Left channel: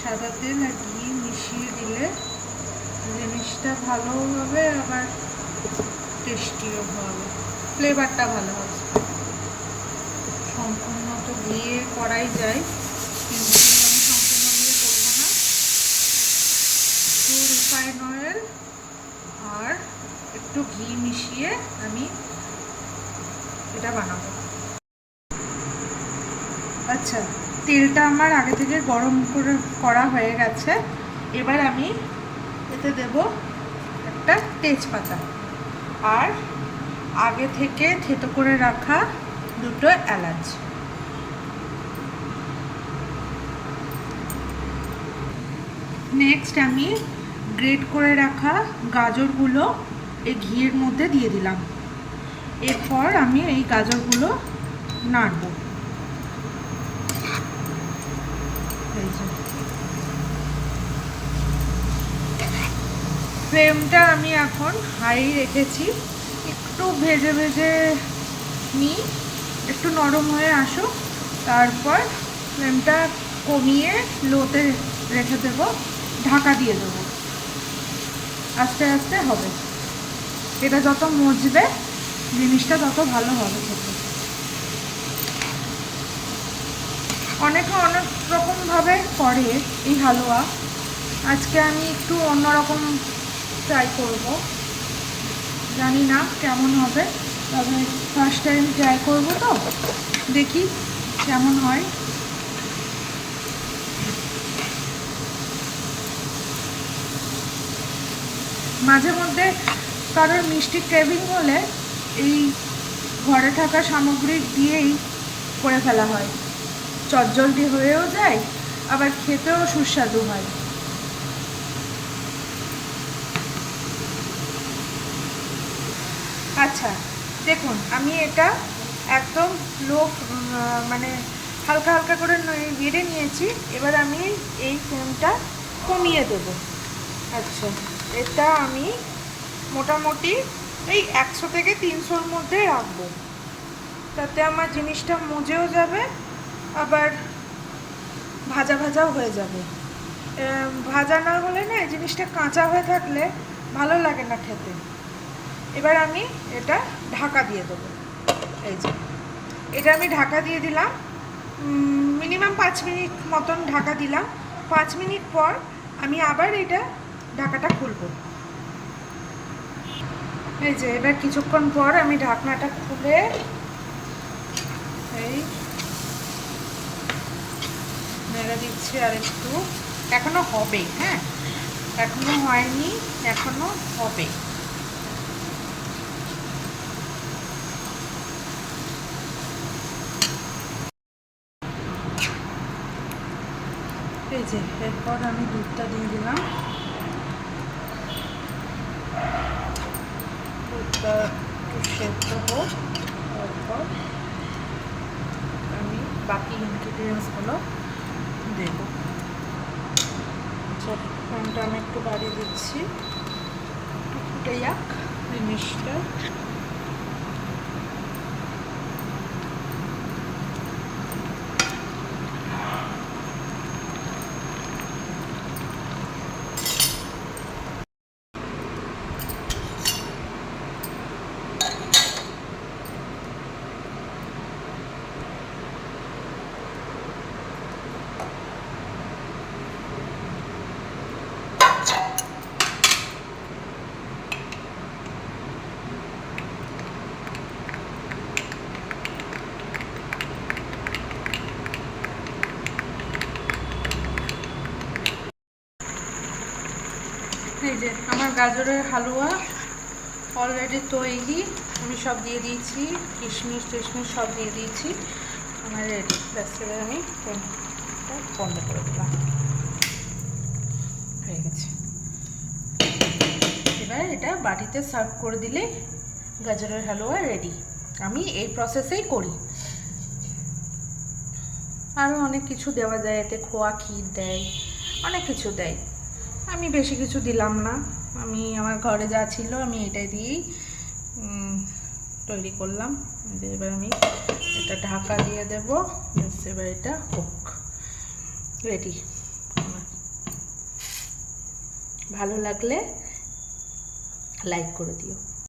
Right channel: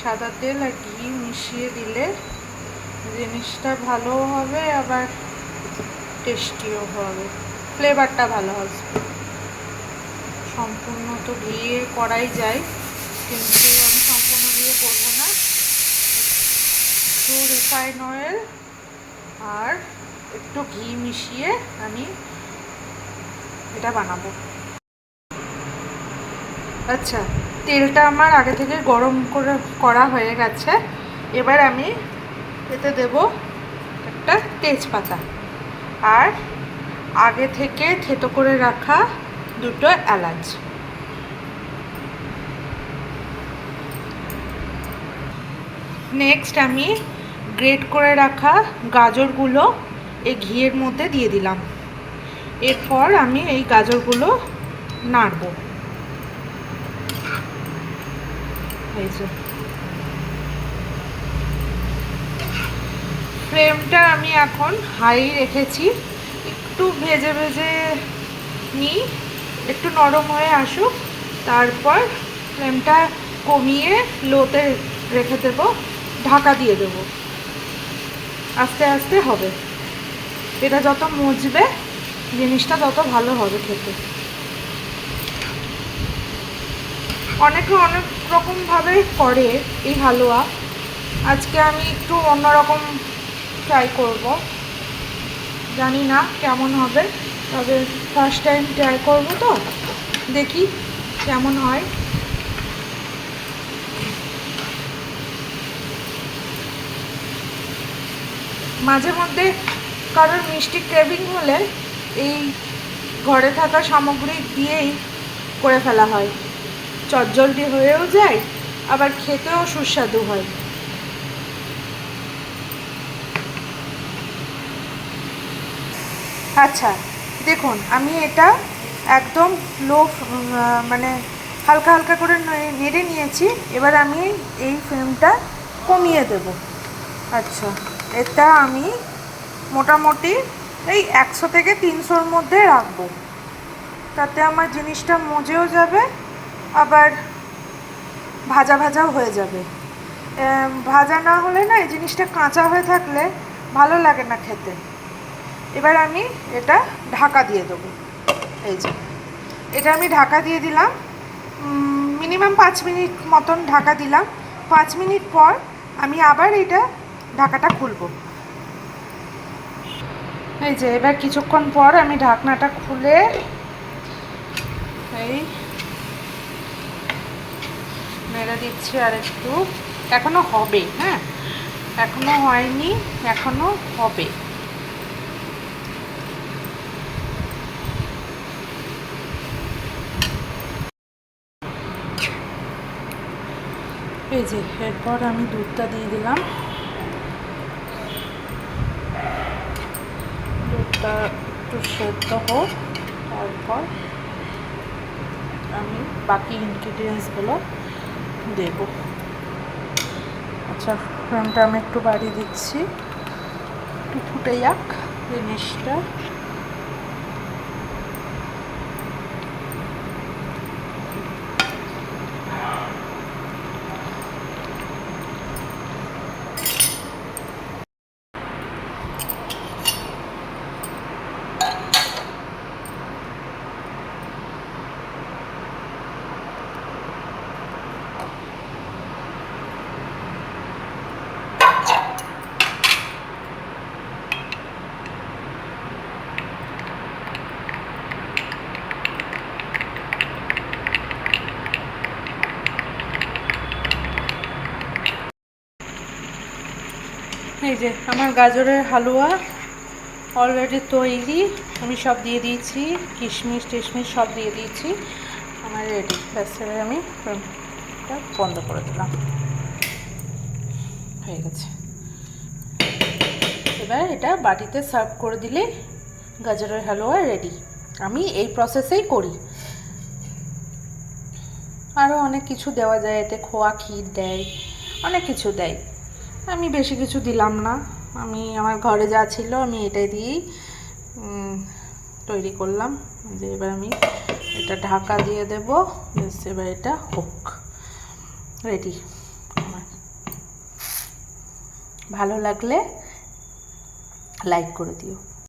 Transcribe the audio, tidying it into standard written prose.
সাদা তেল আর ঘি মিশিয়ে দিলে জিনিসটা ভালোও হবে, আবার টেস্টিও হবে, ফ্লেভারটা ভালো হবে। সম্পূর্ণ তো ঘিয়ে করাই যায়, কিন্তু আমি সম্পূর্ণ ঘিয়ে করবো না। একটু রিফাইন অয়েল আর একটু ঘি মিশিয়ে আমি এটা বানাবো। আচ্ছা, তেলটা আমার আগে থেকে গরম করা হয়ে গেছে। এবার আমি এতে দেব একটা তেজপাতা আর আগে থেকে থেতো করে রাখা দুটো এলাচ। নেক্সট আমি গ্রেট করে রাখা গাজরগুলো এই ঘিয়ের মধ্যে দিয়ে দিলাম। এরপর আমি এই গাজরগুলো নাড়ব। ফ্লেমটা আমি এখন হাই রেখেছি, একটু ভেজে ভেজে নিই, একটু নরম হয়ে আসুক, তারপর ফ্লেমটা কমিয়ে লোতে রেখে দেব, ঢাকা দিয়ে দেব। আস্তে আস্তে হবে, এটা যত মজবে জিনিসটা তত ভালো হবে খেতে। অনেকে অনেক রকমভাবে করে এই হালুয়া, আজকে আমি একটু অন্যরকম ট্রাই করব। জানি না কেমন হবে, তবে ফার্স্ট টাইম ট্রাই করব, তো দেখি কেমন হয়। মাঝে মধ্যে কারোর মিষ্টি ক্রেভিং হলে এই ঘরে থাকা সামগ্রী দিয়েই করে ফেলা হয়, চটজলদি হয়েও যায়, আবার খেতেও সুস্বাদু হয়। আচ্ছা দেখুন, আমি এটা একদম লো, মানে হালকা হালকা করে নেড়ে নিয়েছি। এবার আমি এই ফ্লেমটা কমিয়ে দেব। আচ্ছা, এটা আমি মোটামুটি এই 100 থেকে 300-র মধ্যে রাখবো, তাতে আমার জিনিসটা মজেও যাবে, আবার ভাজা ভাজাও হয়ে যাবে। ভাজা না হলে না, এই জিনিসটা কাঁচা হয়ে থাকলে ভালো লাগে না খেতে। এবার আমি এটা ঢাকা দিয়ে দেবো। এই যে এটা আমি ঢাকা দিয়ে দিলাম, মিনিমাম 5 মিনিট মতন ঢাকা দিলাম। 5 মিনিট পর আমি আবার এটা ঢাকাটা খুলবো। এই যে এবার কিছুক্ষণ পর আমি ঢাকনাটা খুলে এই নেড়ে দিচ্ছি আর একটু। এখনো হবে, হ্যাঁ, এখনো হয়নি, এখনো হবে। এই যে এরপর আমি দুধটা দিয়ে দিলাম। দুধটা একটু সেদ্ধ হোক, তারপর আমি বাকি ইনগ্রিডিয়েন্টসগুলো দেব। আচ্ছা, ফ্লেমটা আমি একটু বাড়িয়ে দিচ্ছি, একটু ফুটে যাক জিনিসটা। এই যে আমার গাজরের হালুয়া অলরেডি তৈরি, আমি সব দিয়ে দিয়েছি, কিশমিশ টিশমিশ সব দিয়ে দিয়েছি, আমার রেডি। ব্যাস, এবার আমি এটা বন্ধ করে দিলাম, হয়ে গেছে। এবার এটা বাটিতে সার্ভ করে দিলে গাজরের হালুয়া রেডি। আমি এই প্রসেসেই করি। আরও অনেক কিছু দেওয়া যায় এতে, খোয়া ক্ষীর দেয়, অনেক কিছু দেয়। আমি বেশি কিছু দিলাম না, আমি আমার ঘরে যা ছিল আমি এটাই দিয়েই তৈরি করলাম। যে এবার আমি এটা ঢাকা দিয়ে দেব, এবার এটা হোক রেডি আমার। ভালো লাগলে লাইক করে দিও।